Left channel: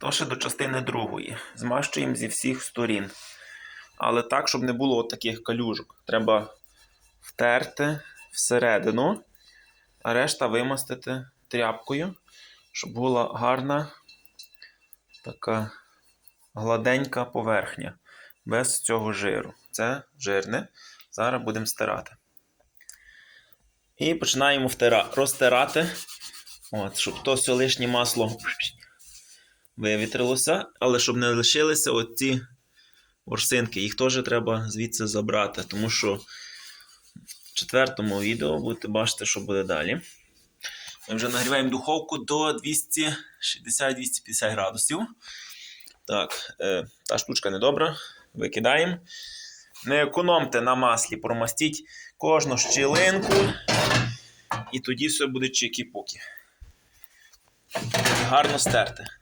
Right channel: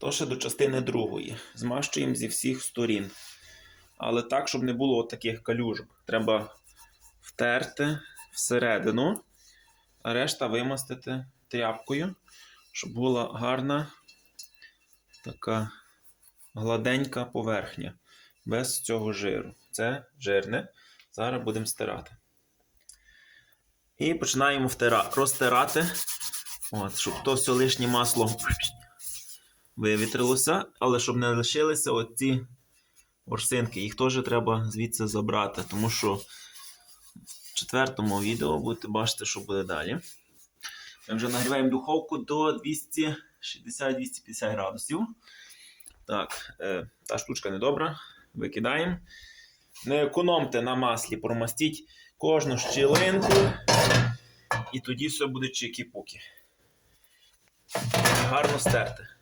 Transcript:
То ще до частини другої. Змащуємо зі всіх сторін. Але так, щоб не було от таких калюжок. Треба втерти всередину, а решта вимастити тряпкою, щоб була гарна така гладенька поверхня. Без цього жиру. Це жирне. Зараз будемо стирати. І починаємо втира... розтирати. От, щоб то все лишнє масло вивітрилося, але щоб не лишилися оці ворсинки, їх теж треба звідси забрати, тому що в четвертому відео будете бачити, що буде далі. Ми вже нагріваємо духовку до 260-250 градусів. Так, е, та штучка недобра. Викидаємо. Не економте на маслі, промастіть кожну щілинку, і тоді все буде чики-пуки. Гарно стерти.